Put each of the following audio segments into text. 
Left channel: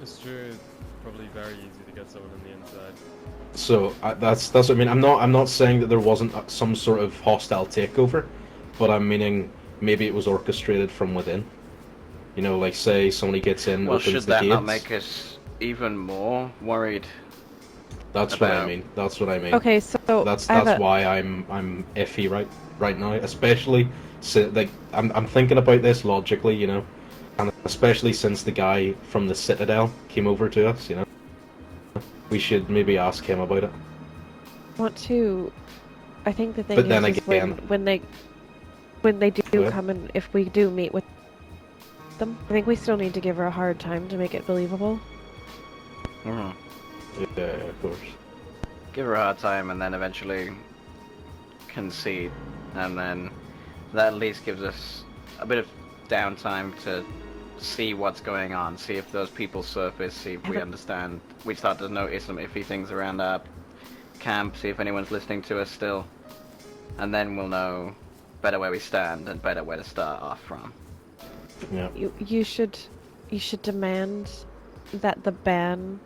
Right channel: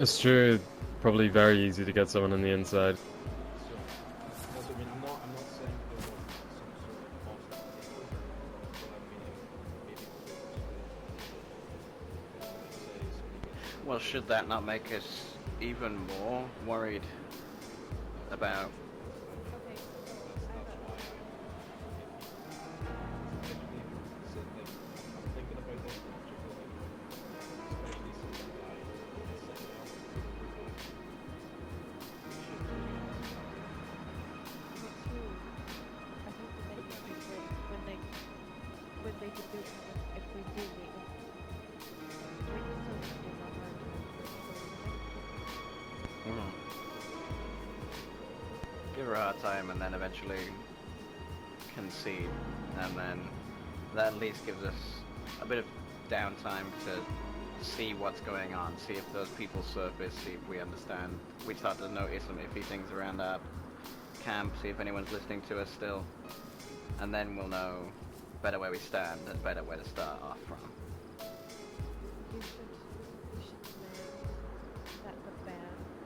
It's true. Probably very easy to get someone on the inside. So that's what I mean. I'm not saying that there wasn't some sort of hostile takeover, but I'm meaning maybe it was orchestrated from within. You know, like say somebody gets in, Well, opens should the that not gates. make us even more worried That's what I about? mean. That's what I mean. Okay, so That's I have that's a why I'm iffy right now, especially like I'm thinking about this logically, you know, and especially since the guy from the Citadel came over to us, you know, we should maybe ask him about it. want to. I think the thing But then is again, when they do what? come and if we do meet with them, I think we still need to give her a hard time to make it believable. Mm-hmm. Yeah, of course. Give her a hard time, and then eventually concede, and then that at least gives us a bit of downtime to see what's going on, see if those people surface, see if we understand. We start to notice some iffy things around our camp, see if anyone's listening to us still, and then we'll know better where we stand and better where to start off from. Yeah. You should demand that the ban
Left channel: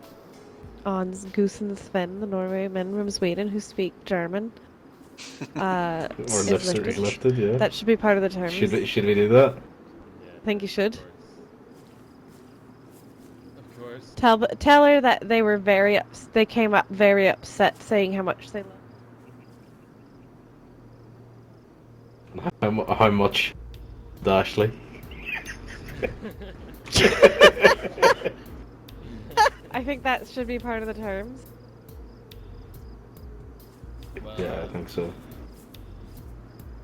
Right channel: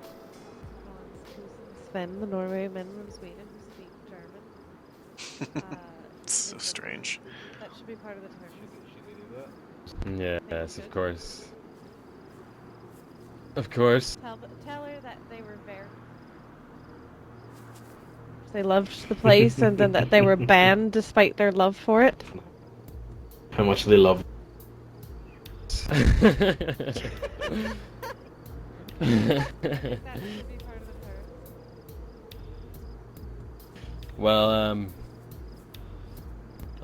on Goose and Sven, the Norway men from Sweden who speak German, Or is lifted, lifted. lifted, yeah. That should be part of the terms. Should we do that? Yeah, I think you should. Of course. Of course. Tell her that they came up very upset, saying how much they loved the place, and then that they were banned despite their love for it. How much they loved Ashley. I think that should be part of the terms. Well, Yeah, I think so.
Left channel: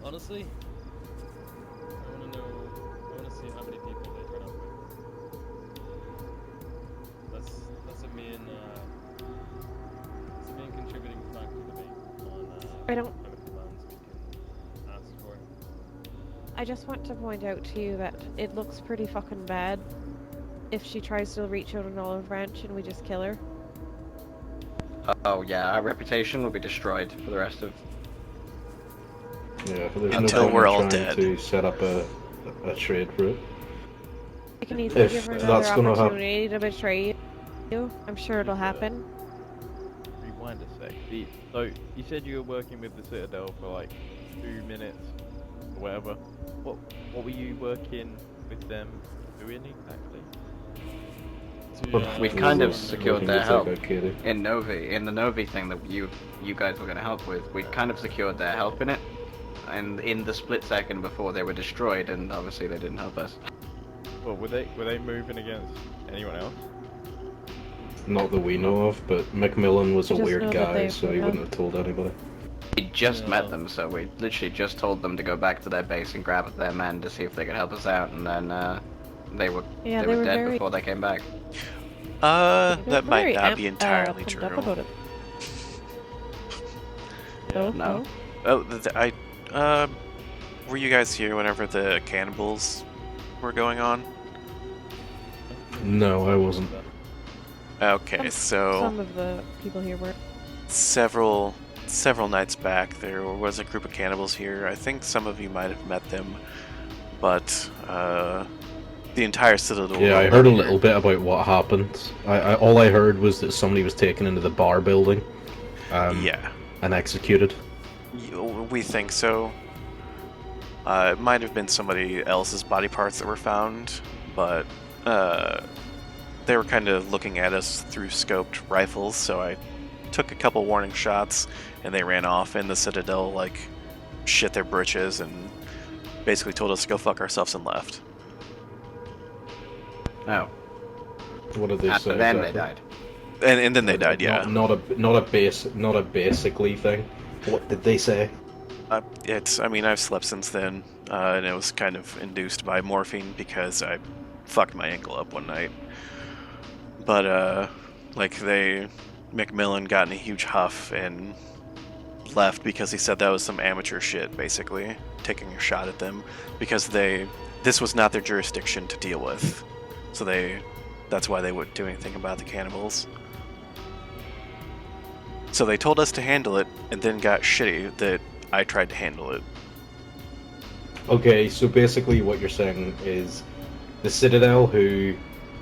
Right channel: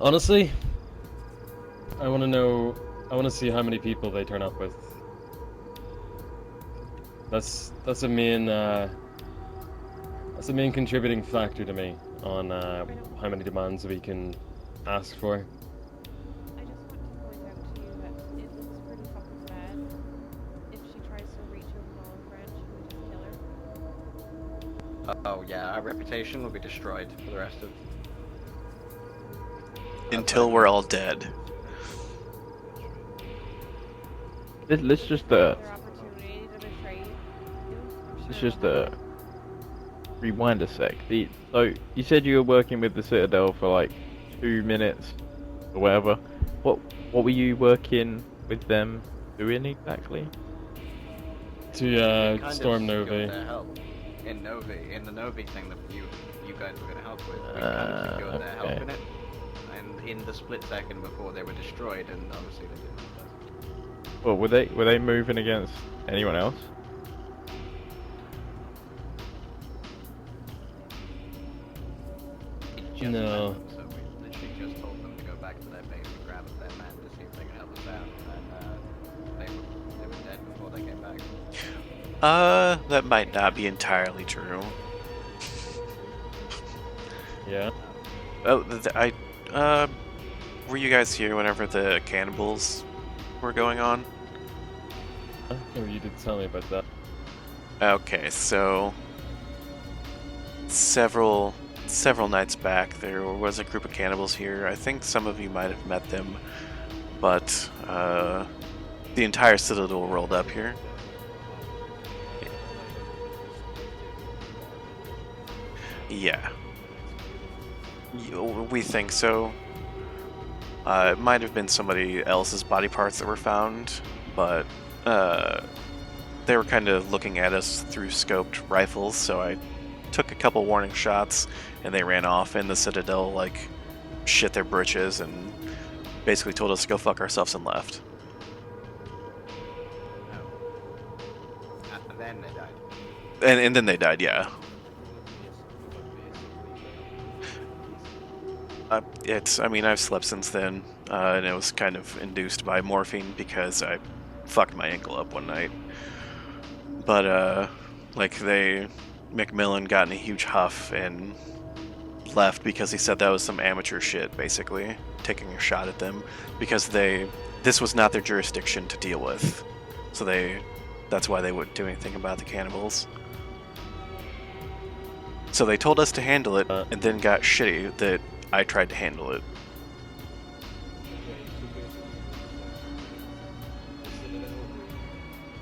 honestly, I want to know. I want to see how many people they turn up with. That's a main contributing factor to me on how many demands we can ask for. I just want to point out to you that it looks pretty fucking bad if she tries to reach out an olive branch and we just kill her. Oh yeah, our reputation will be destroyed for the rest of. Yeah, there's Until no we're point all trying dead. to set up a trade for it. I can Let's even just, give her that's another gonna happen. opportunity to betray you. I'm sure It's it'll just, happen. rewind a sec. So you said you were working with the Citadel for like 2 minutes or whatever. What were you working with them doing exactly? To We kind of storm secured Novi. their It's help like, okay, in the Novi thing that you guys were going to help with. We kind of secured their help Okay. in it, and in the split second before they were destroyed, and obviously they didn't help us. Well, were they moving against anyone else? Not that we know of, but Macmillan was a I just know weird that guy, they so he broke wouldn't have told anybody. We just met No. them, so we literally just told them to go back to their base and grab their men to see if they could help us out, and then they were Yeah, they they were were dead very- before they came back. That might Very not be amped entirely up true. about it. Yeah. No. Oh, were you guys here whenever the cannibals were going on? No, I wasn't. Okay, so Some of the people here were. several nights back, there was a group of cannibals here. I think some of you might have met them, but the entire Citadel. Yeah, I rolled heard a up here. little bit about what happened. All I heard was that somebody was taken into the bar building. Yeah, And executed. we think so. It might have been somebody else's body parts that were found, but they were kind of looking at us through scoped rifles, so I took a couple warning shots, and they ran off, and the Citadel, like, shit their britches and basically told us to go fuck ourselves and left. No. What did they After say? then they exactly? died. And then they died, yeah. Not a basically thing. What did they say? I've slept since then, and it was kind of induced by morphine because I fucked my ankle up one night. But, Macmillan got in a huge huff and left because he said that was some amateur shit, basically, taking a shot at them, because this was not their jurisdiction to deal with. So that's why they wouldn't do anything about the cannibals. So they told us to handle it, and then got shitty that I tried to handle it. Okay, so basically what you're saying is the Citadel, who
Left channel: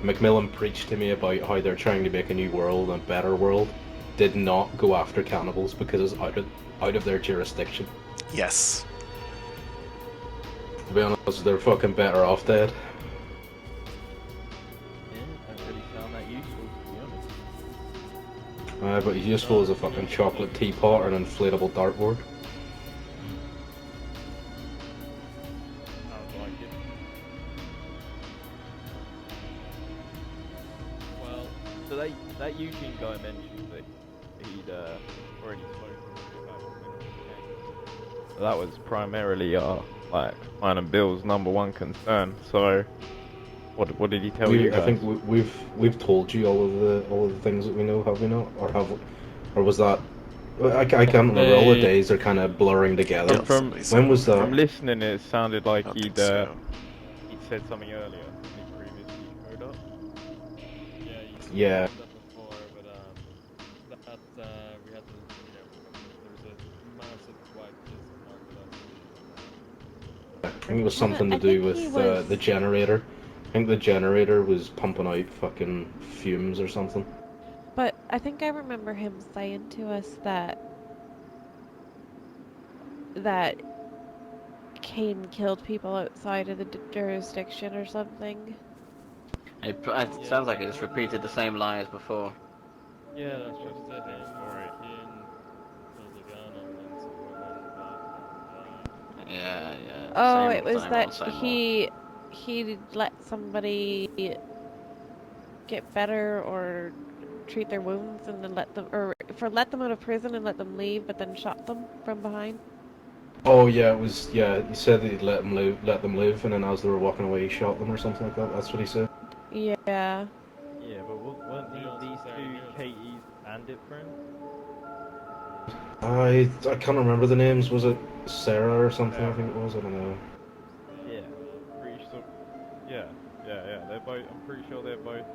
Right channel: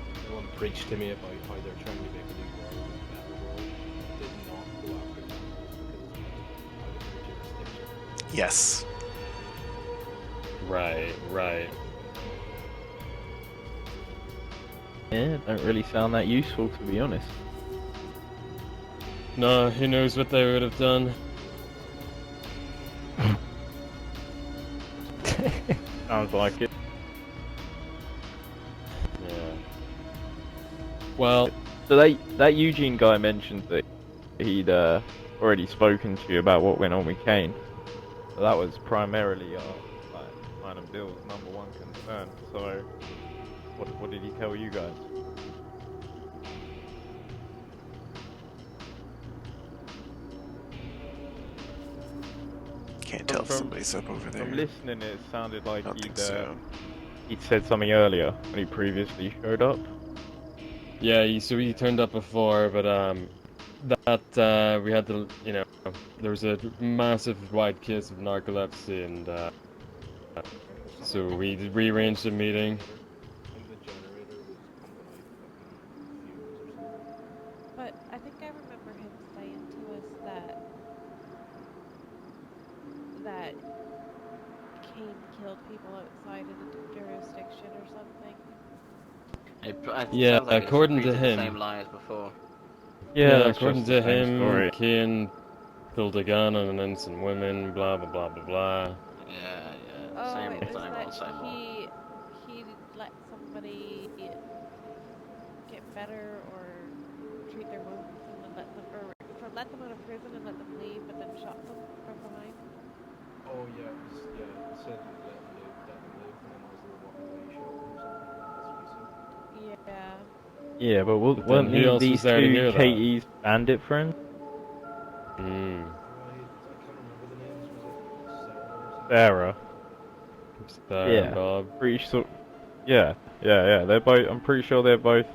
Macmillan preached to me about how they're trying to make a new world and a better world, did not go after cannibals because it's out of their jurisdiction. Yes. Right. To be honest, they're right. fucking better off dead. Yeah, don't really sound that useful, to be honest. But he just No, was a who fucking knows what they chocolate would have teapot done. and an inflatable dartboard. Sounds like it. Yeah. Well, So that Eugene guy mentioned that he'd already spoken to you about what went on with Kane. So that was primarily like mine and Bill's #1 concern. So what did he tell you guys? I think we've told you all of the things that we know, have we not? Or was that? I can't remember. All the days are kind of blurring together. Tell somebody When something. was that? From listening, it sounded like I don't he'd think so. he'd said something earlier when he previously showed up. yeah, he Yeah. turned up before, but that we had to, there was a massive wide case of narcolepsy, and I think it was something to I do think with rearranged the the meeting. generator. I think the generator was pumping out fucking fumes or something. But I think I remember him saying to us that Kane killed people outside of the jurisdiction or something. It Yeah, sounds like it's according to repeated the him. same lie as before. Yeah, that's according just to the same him, story. Kane pulled a gun on an innocent woman, blah blah blah blah blah. Yeah. Oh, Same it was same that old, same old. he let somebody get better or treat their wounds and then let them out of prison and let them leave, but then shot them from behind. Oh yeah, it was. Yeah, he said that he'd let them live, and then as they were walking away, he shot them or something like that. That's what he said. Yeah. Yeah, but But weren't then who else was these there to two hear that? Katie's bandit friends? I can't remember the names. Was it Sarah or something? Sarah. I think it was. I don't know. Star Yeah. and Bob. Pretty sure. Yeah. They're both. I'm pretty sure they're both.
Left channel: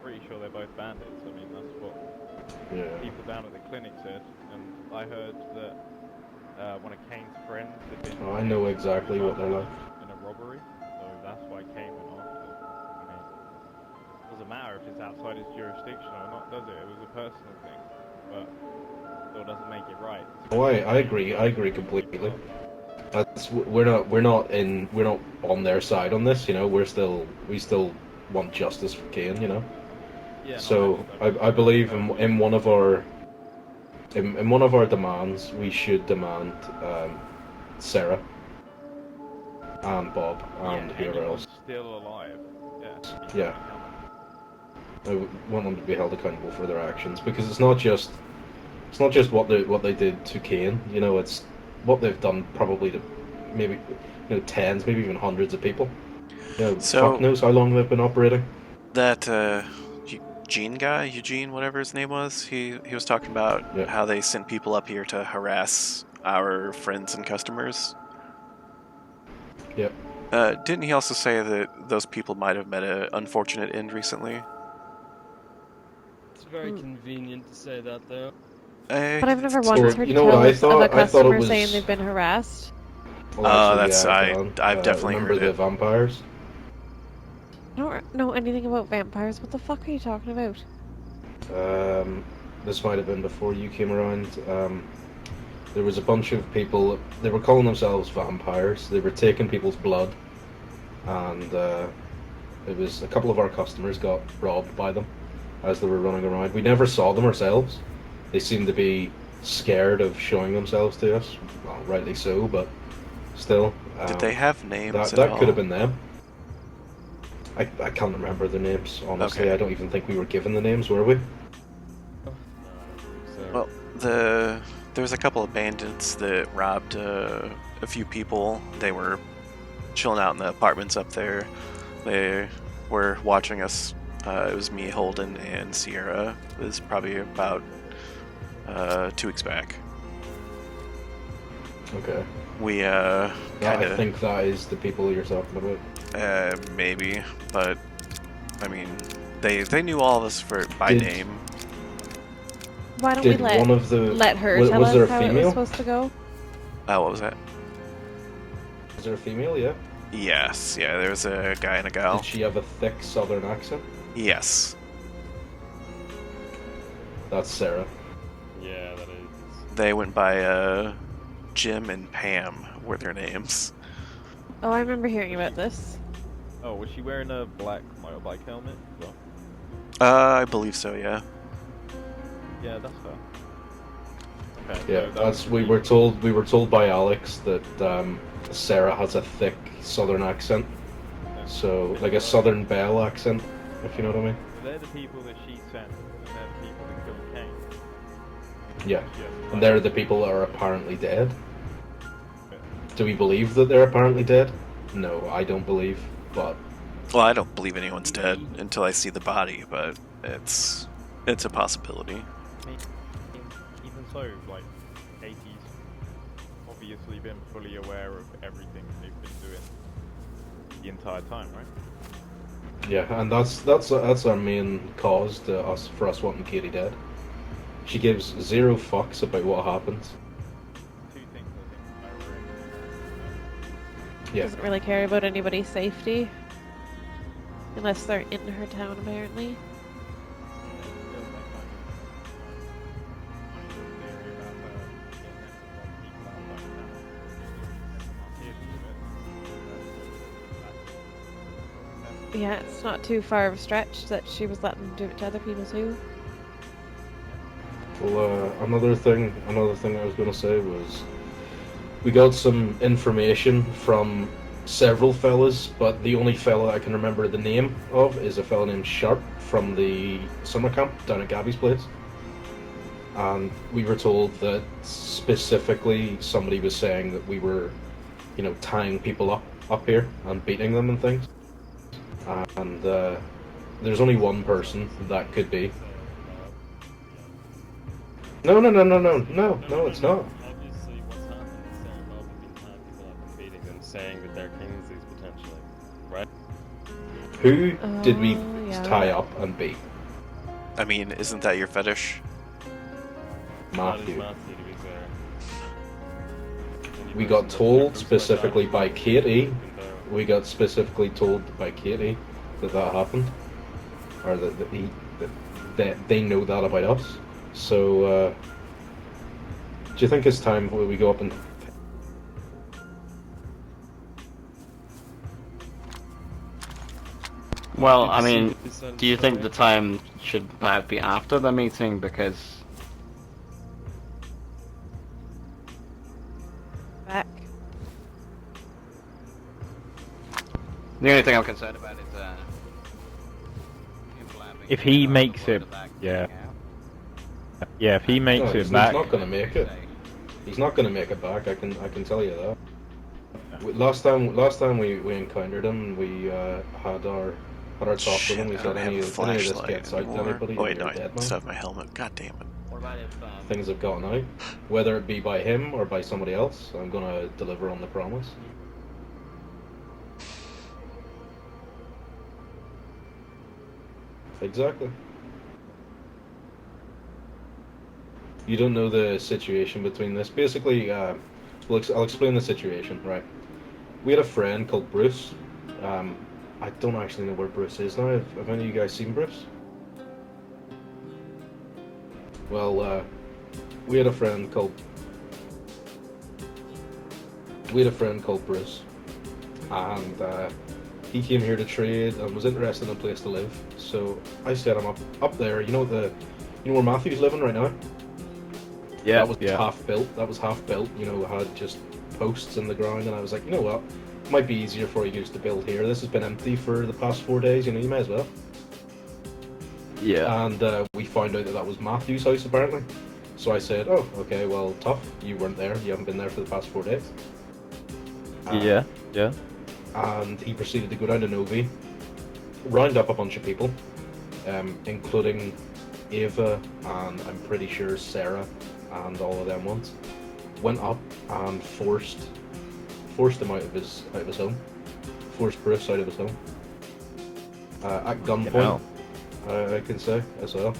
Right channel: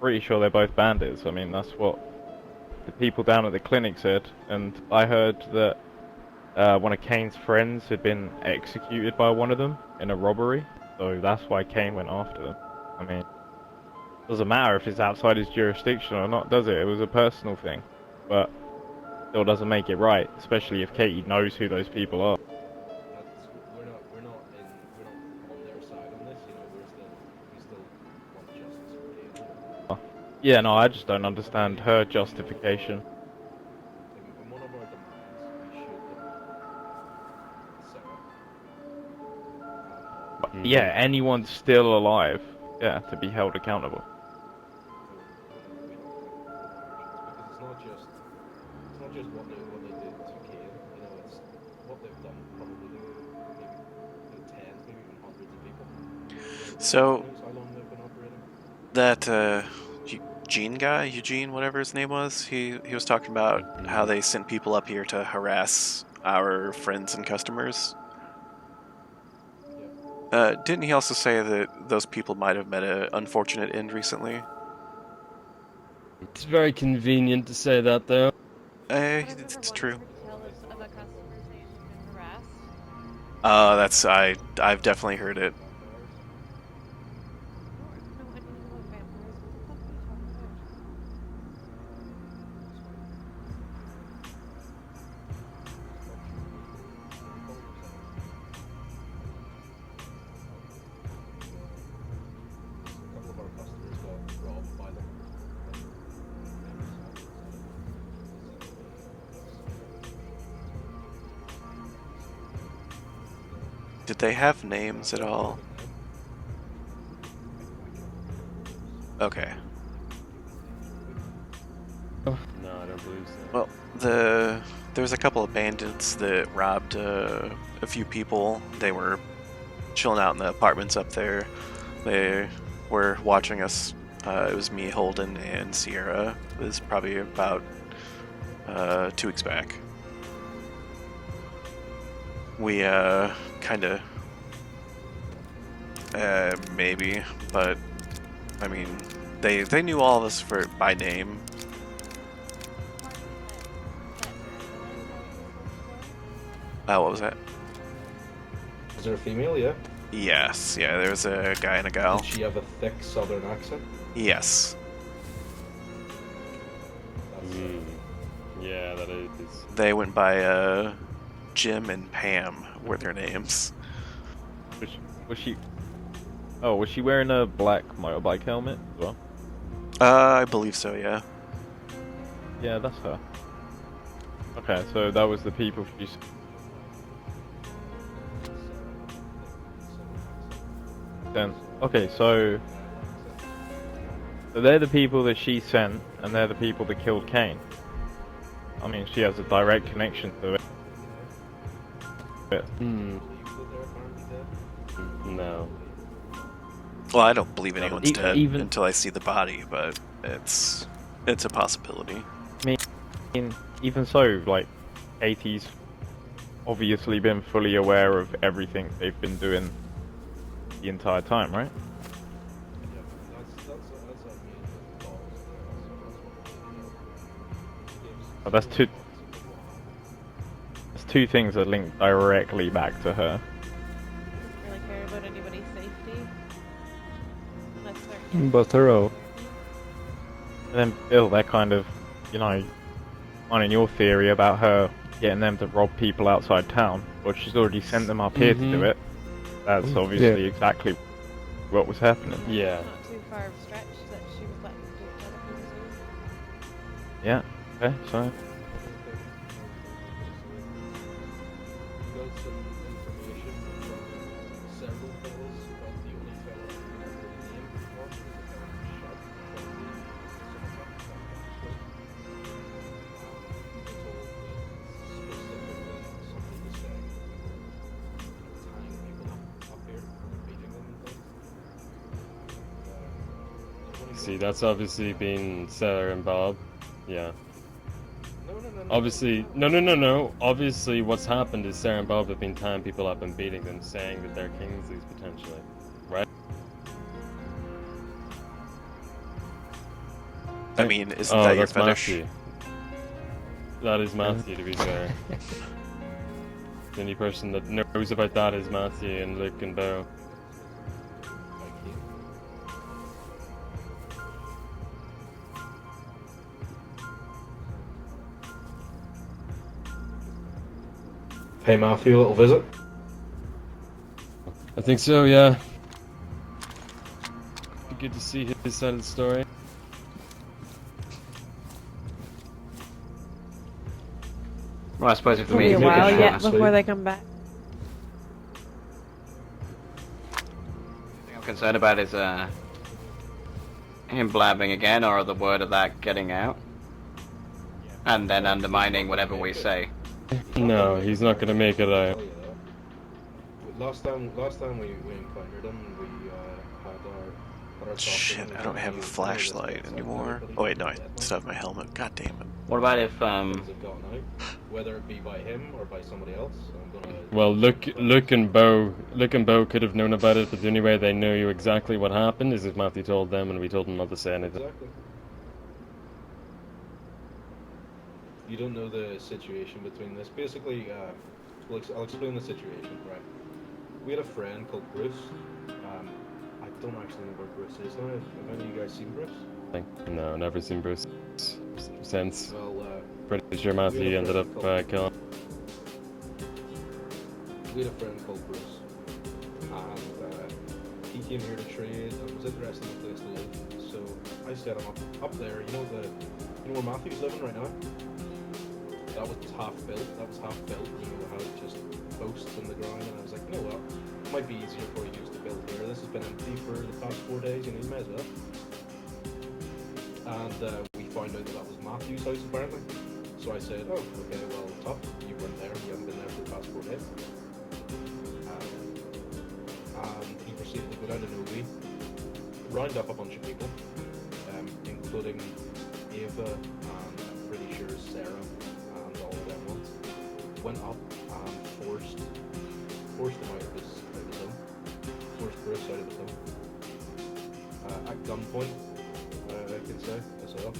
Pretty sure they're both bandits. I mean, that's what Yeah. people down at the clinic said, and I heard that one of Kane's friends had been I know executed exactly by what one of that- them in a robbery, so that's why Kane went after them. I mean, doesn't matter if it's outside his jurisdiction or not, does it? It was a personal thing, but still doesn't make it right, especially if I Katie agree. knows I agree who those completely. people are. We're not on their side on this. You know, we still want justice for Kane. You know. Yeah, no, I So, just don't I understand believe her in one of our justification. in one of our demands, we should demand Sarah and Bob. And Yeah, whoever anyone's else. still alive, yeah, to be held Yeah. accountable. I want them to be held accountable for their actions because it's not just what they did to Kane. You know, it's what they've done probably to maybe tens, maybe even hundreds of people. You know, So- fuck knows how long they've been operating. That Eugene, whatever his name was, he was talking about Yeah. how they sent people up here to harass our friends and customers. Yep. Didn't he also say that those people might have met an unfortunate end recently? It's very convenient to say that, though. But I've never It's once true. heard You know what I tales of thought? a I thought it customer was- saying they've been harassed. Oh, Actually, I've definitely remember heard the it. vampires. I don't know anything about vampires. What the fuck are you talking about? This might have been before you came around. There was a bunch of people. They were calling themselves vampires. They were taking people's blood, and it was a couple of our customers got robbed by them as they were running around. We never saw them ourselves. They seemed to be scared of showing themselves to us. Well, rightly so, but still. Did they have names That at all? could have been them. I can't remember their names, honestly. Okay. I don't even think we were given the names, were we? No, I don't believe so. Well, there's a couple of bandits that robbed a few people. They were chilling out in the apartments up there. They were watching us. It was me, Holden, and Sierra. It was probably about 2 weeks back. Okay. We I kind of think that is the people you're talking about. maybe, but I mean, they knew all of us by Did- name. Why don't we Did one of the let her was, tell was there us a how it was female? supposed to go? What was that? Was there a female? Yeah. Yes, yeah, there's a guy and a gal. Did she have a thick southern accent? Yes. That's Sarah. Yeah, that is. They went by Jim and Pam were their names. Oh, I remember hearing Was about she- this. Oh, was she wearing a black motorbike helmet as well? I believe so, yeah. Yeah, that's her. Okay, Yeah, so that was the we people were told by Alex that Sarah has a thick southern accent. then. So Okay, like a so- southern belle accent, if you know what I mean. So they're the people that she sent, and they're the people that killed Kane. I Yeah. mean, she has a They're direct the people that are connection to apparently dead. it. Do we believe that they're apparently dead? No, I No. don't believe. But Well, I don't believe anyone's E- dead even- until I see the body, but it's a possibility. I mean, even so, like, Katie's obviously been fully aware of everything they've been doing the entire time, right? yeah, and that's our main cause for us wanting Katie dead. She gives that's zero too- fucks about what happens. There's two things that link directly back to her. Yeah, Doesn't really care about anybody's safety. Unless they're in But her town, thorough. apparently. And then Bill, they're kind of, you know, on in your theory about her getting them to rob people outside town, but she's already sent them up here to do Mhm. it. That's obviously exactly what was happening. Yeah, Yeah. it's not too far of a stretch that she was letting them do it to other people too. Yeah. Okay. well, another thing I was gonna say was we got some information from several fellas, but the only fella I can remember the name of is a fella named Sharp from the summer camp down at Gabby's place. And we were told that specifically somebody was saying that we were, you know, tying people up here and beating them and things. And there's only See, one that's person obviously that being could be. Sarah and Bob. Yeah. No. Obviously, no. it's no. not. Obviously, what's happened is Sarah and Bob have been tying people up and beating them, saying that they're Kingsleys potentially. Who did we Oh, yeah. tie up and beat? I mean, isn't Oh, that your that's fetish? Matthew. That is Matthew, to be fair. The only We person got that told knows about that specifically is by Matthew and Katie. Luke and Bo. We got specifically told by Katie that happened, or that they know that about us. So, do you think it's time we go up and pay Matthew a little visit? I think so, yeah. Well, Good to I see mean, his side of do you the think story. the time should perhaps be after the meeting? Because, well, I suppose if the Probably a meeting make it while short yet and sweet. before they come back. The only thing I'm concerned about is him blabbing If again, he or the makes word it, of that getting out, Yeah, if he and makes then it, He's undermining not whatever gonna we make it. say. He's not No, gonna make he's it not back, gonna make I it can out. tell you that. Last time we encountered him, we had our talk Shit, with him. We I said, don't have "Any a of this flashlight gets out to anymore. anybody, Oh wait, you're no, I dead, man." still have my helmet. God damn it. What about if Things have gotten out, whether it be by him or by somebody else. I'm gonna. Well, deliver on the promise. Luke and Bo could have known about it, but the only way they knew exactly what happened is if Matthew told them and we told them not to say anything. Exactly. You don't know the situation between this. Basically, I'll explain the situation, right? We had a friend called Bruce. I don't actually know where Bruce is now. Have any of you guys seen Bruce? No, never seen Bruce since. Well, Pretty sure Matthew we had a ended friend up called- killing. we had a friend called Bruce, and he came here to trade and was interested in a place to live. So I set him up there. You know where Matthew's living right now? yeah, That was yeah. half built. That was half built. You know, had just posts in the ground, and I was like, you know what? It might be easier for you to build here. This has been empty for the past 4 days. You know, you may as well. Yeah. And we found out that was Matthew's house apparently. So I said, oh, okay, well, tough. You weren't there. You haven't been there for the past 4 days. Yeah. And he proceeded to go down to Novi, round up a bunch of people, including Ava and I'm pretty sure Sarah and all of them ones. Went up and forced him out of his home. Forced Bruce out of his home. At gunpoint, I can say as well.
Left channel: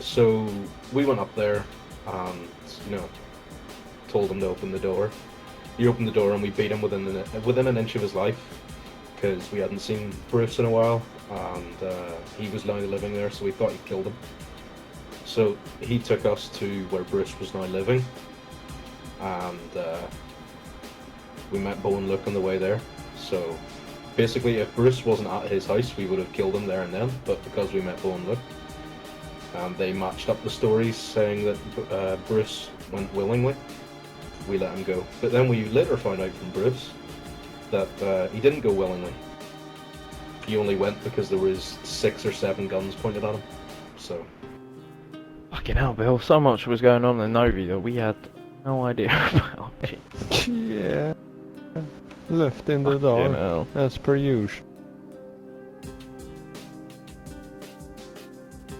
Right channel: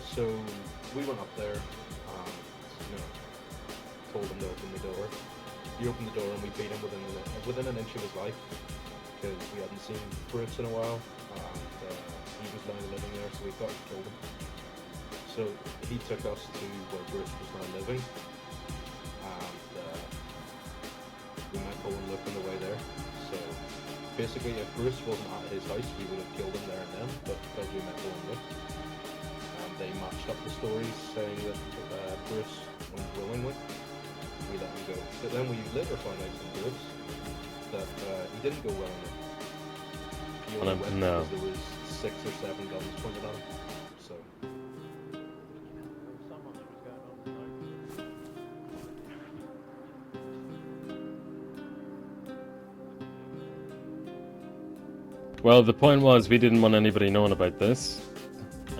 So we went up there and told him to open the door. He opened the door and we beat him within an inch of his life because we hadn't seen Bruce in a while, and he was now living there, so we thought he killed him. So he took us to where Bruce was now living, and we met Bo and Luke on the way there. So basically, if Bruce wasn't at his house, we would have killed him there and then. But because we met Bo and Luke, they matched up the stories saying that Bruce went willingly. We let him go. But then we later found out from Bruce that he didn't go willingly. He only went because there was 6 or 7 guns pointed at him. So. Fucking hell, Bill. So much was going on in Novi that we had no idea about. Yeah. Left in the Fucking dark, hell. as per usual. Well, the point was we didn't want anybody knowing about this,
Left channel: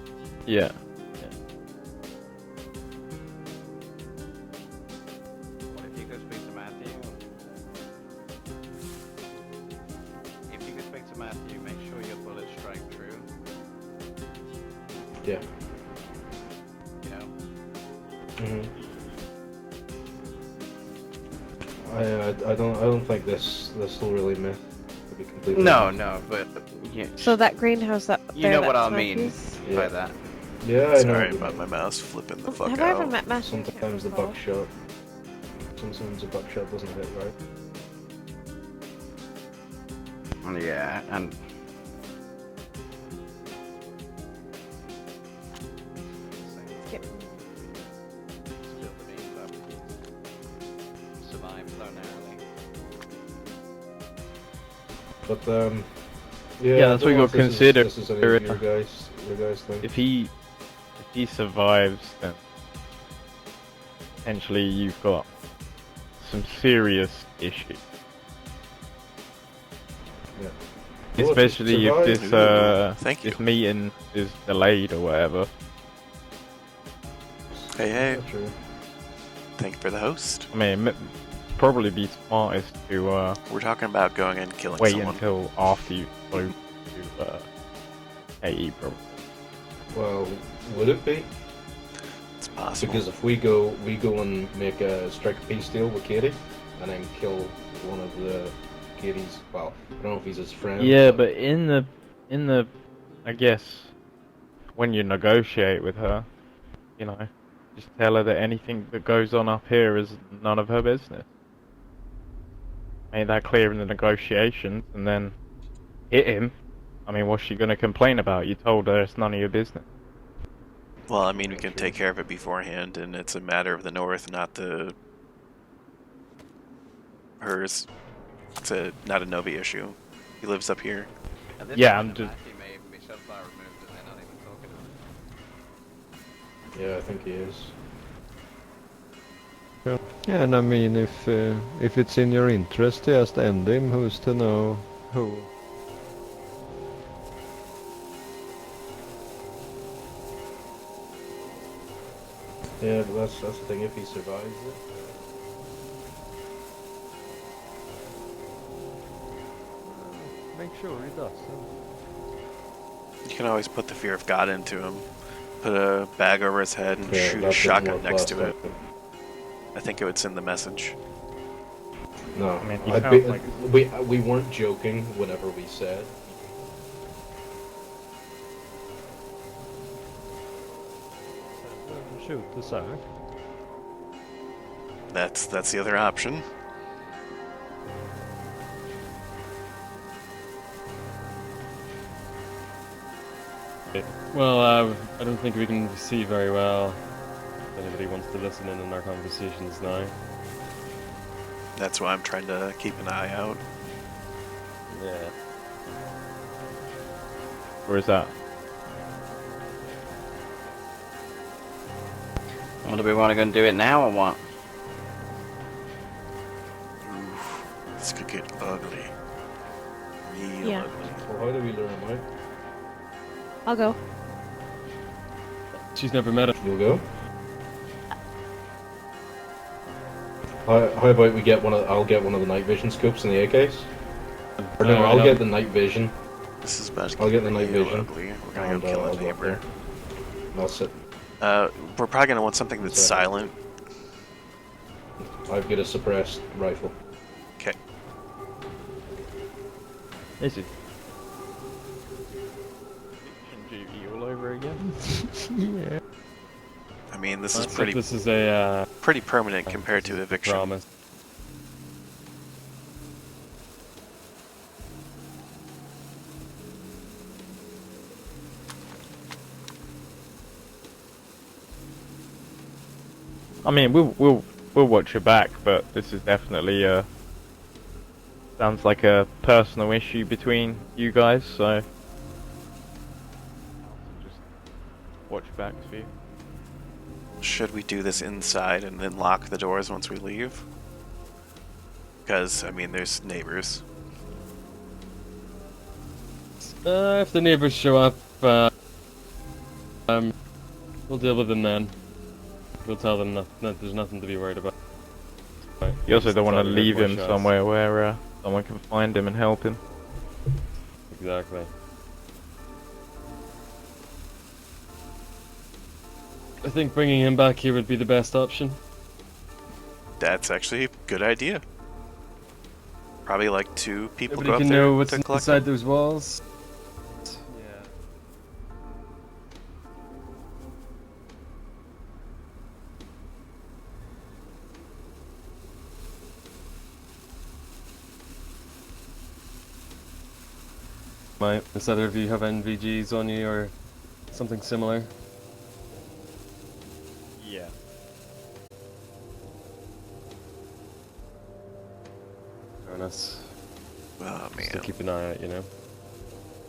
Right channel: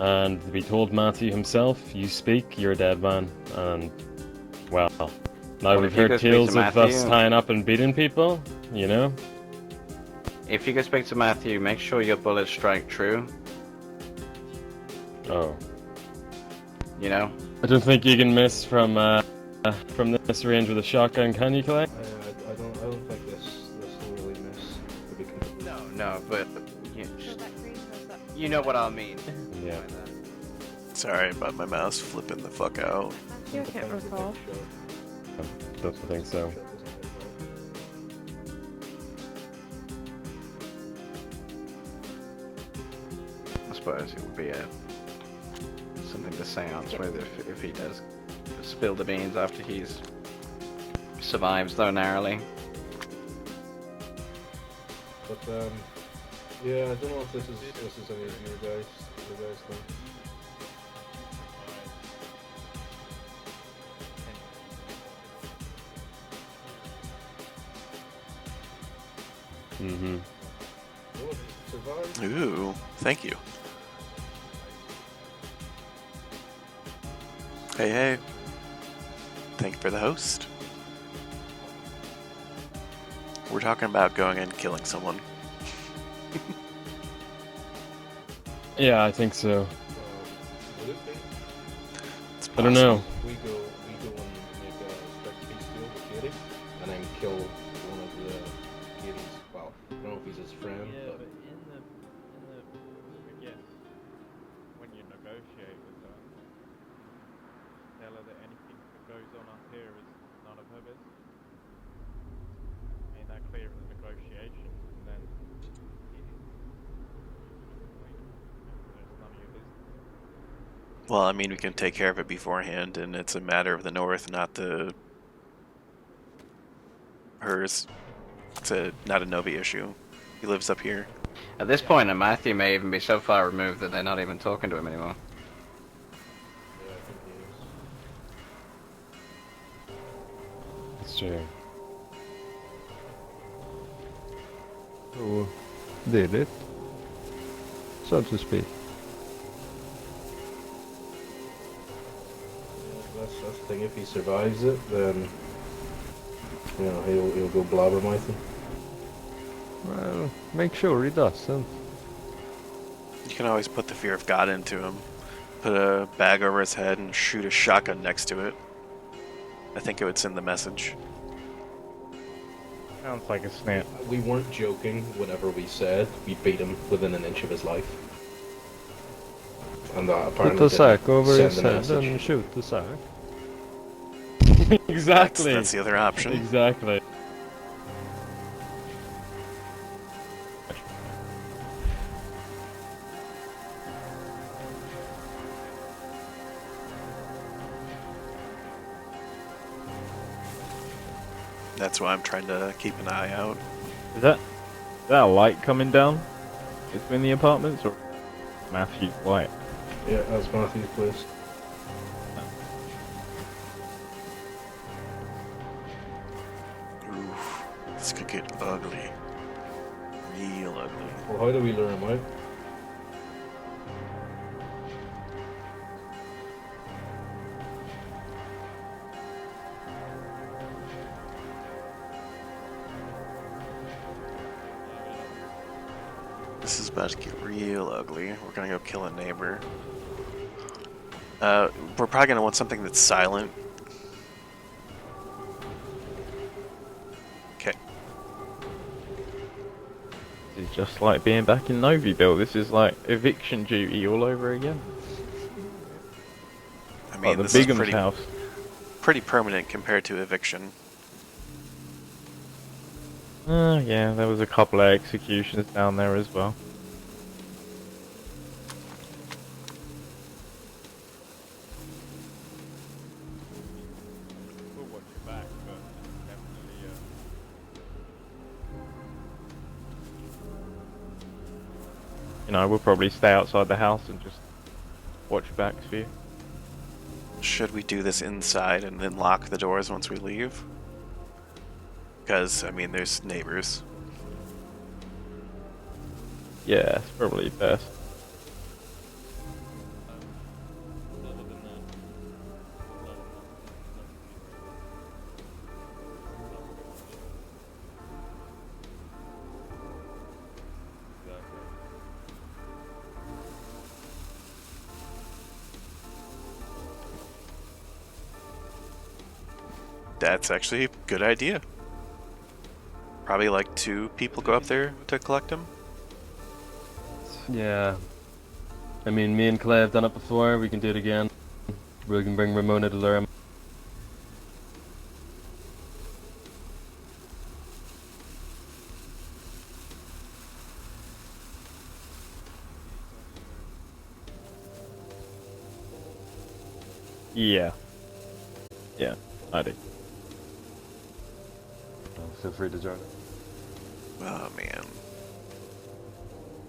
and we Yeah. told Matthew himself, "You speak, you're a dead man." And well, now Well, we've if you heard go speak tales to of us Matthew- tying up and beating people. You know. If you go speak to Matthew, make sure your bullets strike true. Oh. You know? I don't think you can miss from this range with a shotgun, can you, Clay? I don't think this will really miss. To be completely No, honest. no, but So that greenhouse up you there, know what that's I'll mean Matthew's? by that. Yeah, I Sorry know. about my mouse flipping the fuck Have I ever out. met Matthew? I can't Sometimes the recall. buckshot. Sometimes think the so. buckshot doesn't hit right. Yeah, and I suppose it would be something to seance Yep. with if he does spill the beans after he's survives though narrowly. But yeah, Yeah, that's I what don't you know gotta if consider. This is any of your guys think. If he survives, then potentially you've got some serious issues. Mm-hmm. Well, if he Especially if survives- this Thank you. this meeting is delayed or whatever. Hey, hey. Yeah, true. Thank you for the host. I mean, probably be smartest to We're talking about going and killing wait someone. until after you go to AE. Yeah, I think so. Well, would it be? It's I don't possible. know. Because if we go and make a strict peace deal with Katie, and then kill one of the Katie's. Well, I don't know if he's his friend. Yeah, but in the I guess when you negotiate with her, you know, just tell her that anything that goes on up here is none of her business. Made that clear in the negotiations, and then hit him. I mean, what's she gonna complain about? You told her it's none of your business. Well, I mean, we can take care of it beforehand, and it's a matter of the North, not the hers. It's not a Novi issue. He lives up here. At this Yeah, point, I'm- Matthew may even be so far removed that they're not even talking to him anymore. Yeah, I think he is. Yeah, and I mean, if it's in your interest to just end him, who's to know who did it, so to speak. Yeah, that's the thing. If he survives it, then you know he'll go blabbermouthing. Well, make sure he doesn't. You can always put the fear of God into him. Put a bag over his head and Yeah, shoot a that's shotgun what next to last it. happened. I think it would send the message. No, I mean, he I'd sounds be- like a snake. we weren't joking whenever we said we beat him within an inch of his life. And that Put apparently the didn't sack over send his the head message. and shoot the sack. Exactly. That's the other option. Exactly. Well, I don't think we can see very well. Anybody wants to listen in on our conversations now. That's why I'm trying to keep an eye out. Is that a light coming down between the apartments, or is that Matthew's light? Yeah, that's Matthew's place. What do we want to go and do it now or what? Oof, this could get ugly. Real Yeah. ugly. Well, how do we lure him out? I'll go. She's never met him. You'll go. How about we get I'll get one of the night vision scopes in the AKs. Or no, Alright, I'll I'll- get the night vision. This is about to I'll get get the night real vision. ugly. We're gonna go And, kill I'll a go neighbor. That's it. We're probably gonna want something that's Yeah. silent. I've got a suppressed rifle. Okay. This is just like being back in Novyville. This is like eviction duty all over again. Yeah. I mean, the this is big pretty house. This is a pretty permanent compared to eviction. promise. Yeah, there was a couple of executions down there as well. I mean, we'll watch your back, but this is definitely sounds like a personal issue between you guys. So, you know, we'll probably stay outside the house and just watch your backs for you. Should we do this inside and then lock the doors once we leave? Because, I mean, there's neighbors. Yeah. If the probably neighbors fair. show up, we'll deal with them then. We'll tell them that there's nothing to be worried about. You also don't want to Just tell leave them him before somewhere where someone can find him and help him. shots. Exactly. I think bringing him back here would be the best option. That's actually a good idea. Probably like 2 people go Everybody up can know there what's to collect inside them. those walls. Yeah. I mean, me and Clay have done it before. We can do it again. We can bring Ramona to lure him. Might. Does either of you have NVGs on you or something similar? Yeah. Yeah, I do. Feel free to join us. Oh Just to man. keep an eye out, you know.